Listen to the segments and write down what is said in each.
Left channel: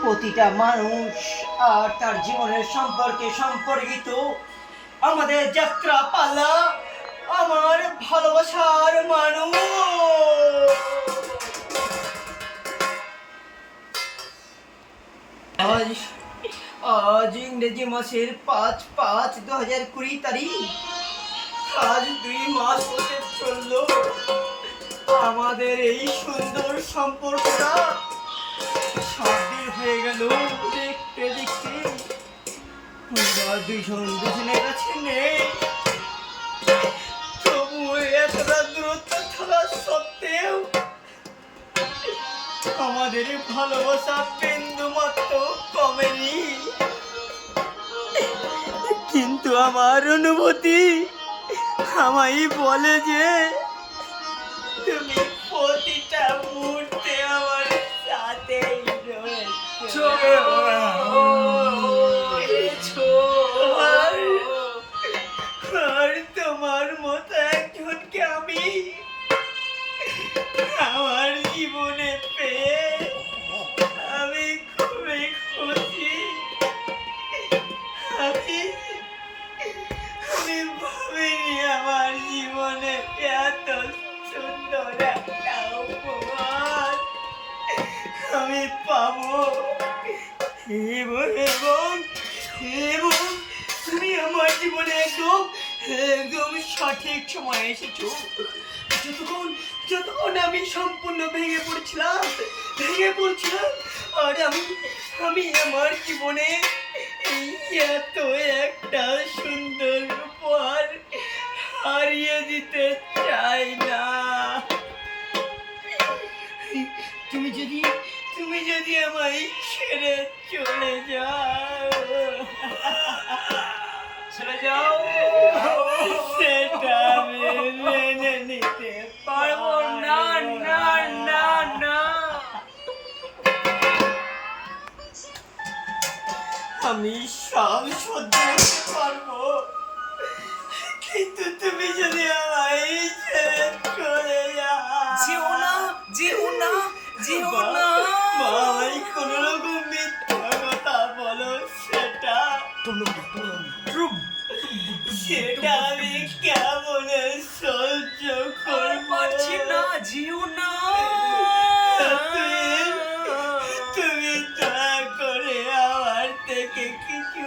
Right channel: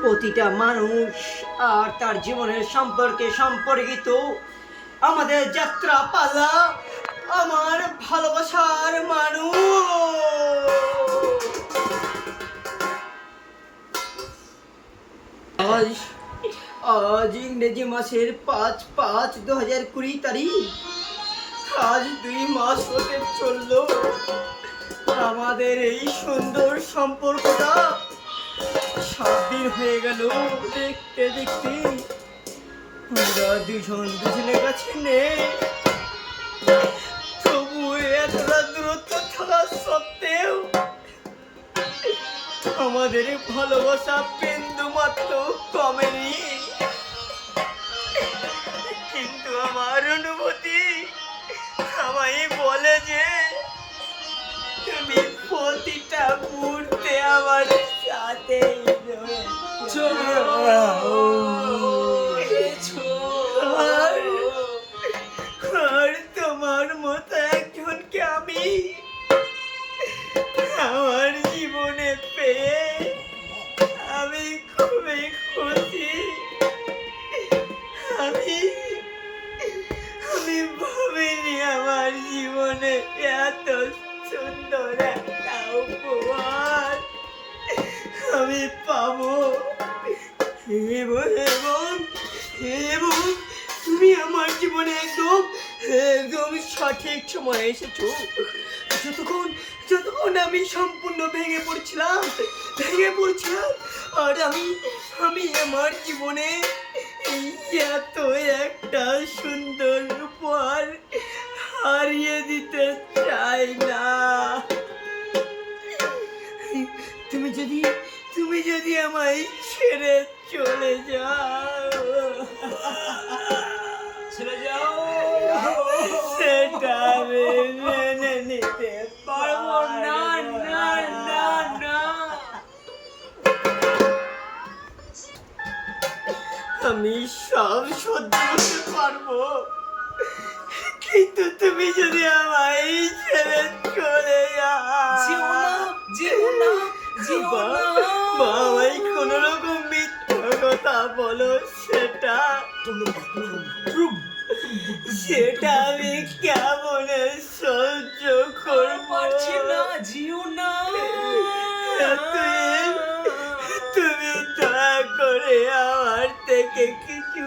প্রতিটা মানুষ আর তার জীবনের সম্পর্কে সম্পর্কিত আমাদের যাত্রা পালা আমার ভালোবাসার মানুষ। আজ আজ ইংরেজি মাসের 5/5/2020 তারিখ। আজ 2 মাস হতে চললো আমাদের এই সুন্দর সম্পর্কটা। 7 দিন হয়ে গেল দেখতে দেখতে আমরা দুজন দুজনের কাছে নেই, তবু এতটা দূরত্ব থাকা সত্ত্বেও আমাদের ভালোবাসা বিন্দু মাত্র কমেনি। কিন্তু আমার অনুভূতি আমায় বলে যে তুমি প্রতিটা মুহূর্তে আমার সাথেই রয়েছো। আর তোমার মতো একজনকে আমি আমার জীবনে পেয়ে আমি খুবই খুশি। আমি ভাবিনি আমার জীবনে এত সুন্দর একটা উপহার আমি পাবো। এবং এবং এবং তুমি আমার জীবনে একদম একদম সঠিক সময় এসেছো। যতক্ষণ যতক্ষণ আমি সম্পূর্ণ ভেঙে পড়ছিলাম আর আমি আমার জীবনে এত একটা সুন্দর উপহার হারিয়ে দিতে চাই না। তুমি যদি আমায় ছেড়ে চলে যাও সেটা আমি মেনে নিতে পারবো না। না না না, আমি সব সহ্য করতে পারবো, কিন্তু তুমি যদি আমায় ছেড়ে চলে যেও না ভাই, কোন রকম মিথ্যা কথা বলো সেটা আমি কেমন সহ্য করবো। যেও না, তুমি দয়া করে আমার থেকে কিছু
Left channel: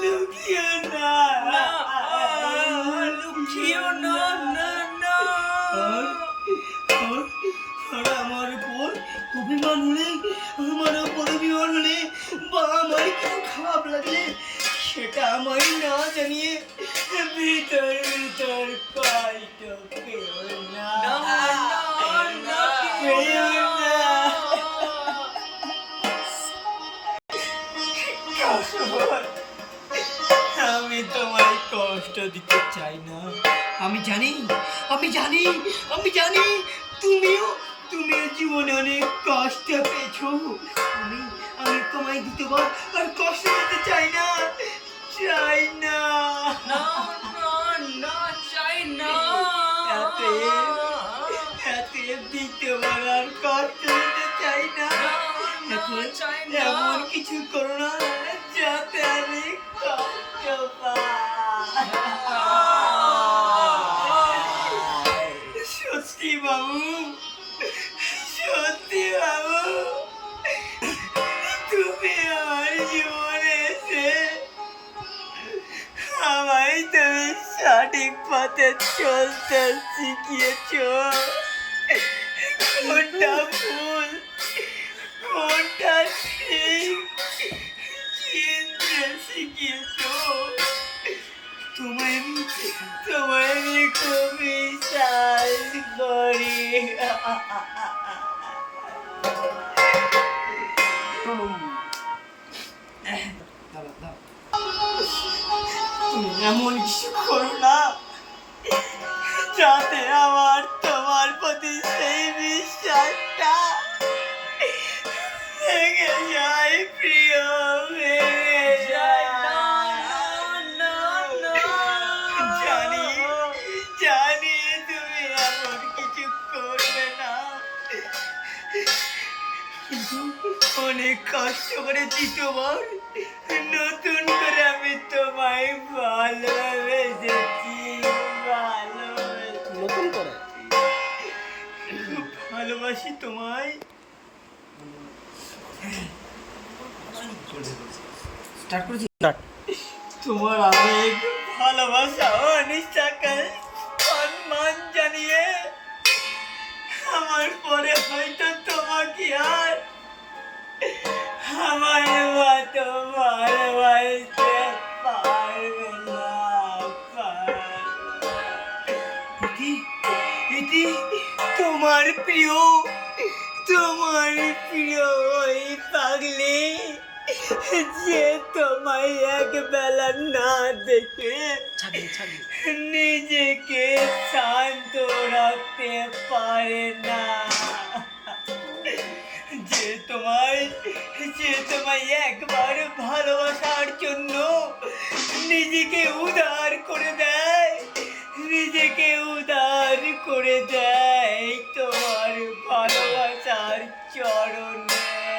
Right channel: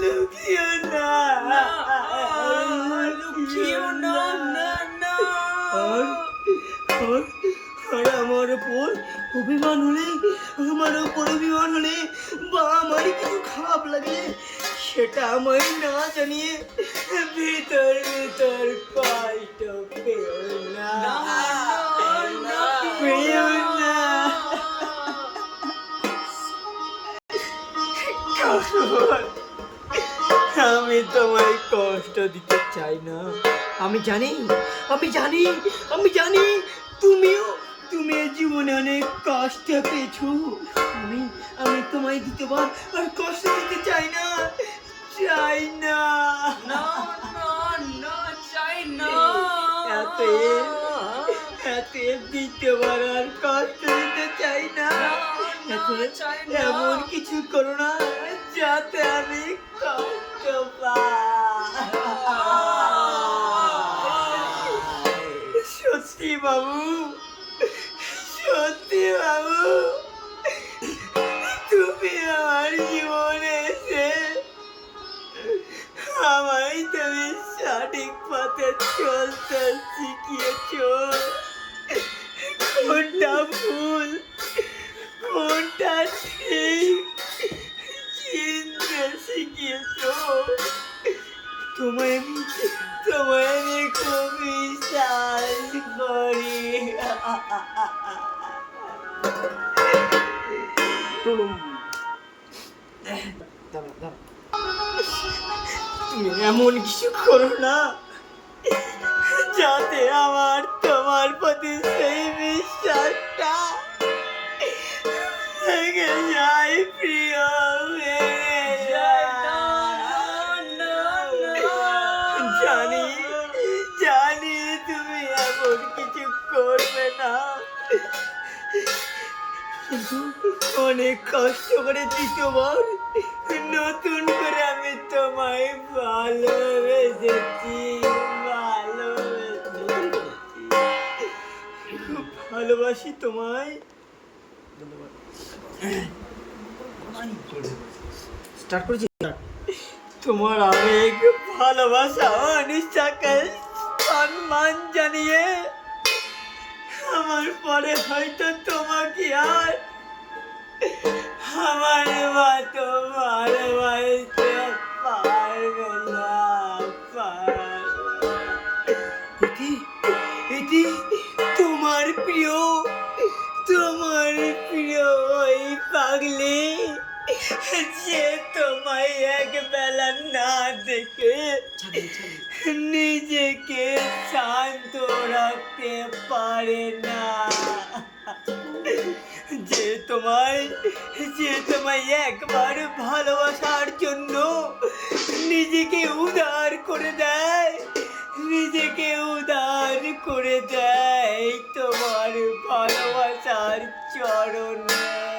লুকিও না। আর আমার উপর অভিমান হলে বা আমার কিছু খারাপ লাগলে সেটা আমায় না জানিয়ে ভিতর ভিতর কষ্ট পেও না। আমি তোমায় কষ্ট দিতে চাই না। আমি জানি তুমি জীবনে অনেক কষ্ট পেয়েছো। আমি তোমায় দিতে আর কষ্ট দিতে চাই না। এত দ্বিতীয়বার আর কষ্ট দিতে চাই না। এমন কিছু করো না যাতে আমি কষ্ট পাই। সত্যি বাবু, তুমি আমার জীবনে এসে আমায় তুমি সঠিক পথে চলতে শিখিয়েছো। কোনটা ভুল কোনটা ঠিক চিনতে শিখিয়েছো। তোমায় আমি খুব বিশ্বাস করি। তুমি এমন কিছু করো না যাতে আমার তোমার প্রতি সেই বিশ্বাসটা ভেঙে যায়। প্রিয়, ভেঙে যায়। জানি তুমি এমন কিছু করবে না, অনেক কষ্ট করে দ্বিতীয়বার নতুন করে আমি তোমায় ভালোবেসেছি, নতুন করে খুব ভালোবাসি তোমায়। স্টার্ট করেছি স্টার্ট। তোমার আবেগ, ভালোবাসা ও নিঃস্বার্থ সম্মান জানিয়ে আমার পরে হয়তো তোমাকে আর আমার মতো ভালোবাসতে পারবে না, এটি এটি তোমার প্রিয়, তোমার প্রিয় ওই পাগলি যে তোমায় এক বেলা না দেখে নিজেকে শান্ত রাখতে পারে না, যে তোমায় একবার ভালোবাসার জন্য নিজেকে উদার করে দেয়, নিজেকে উদার করে দেয় তোমার ভালোবাসার চরণে।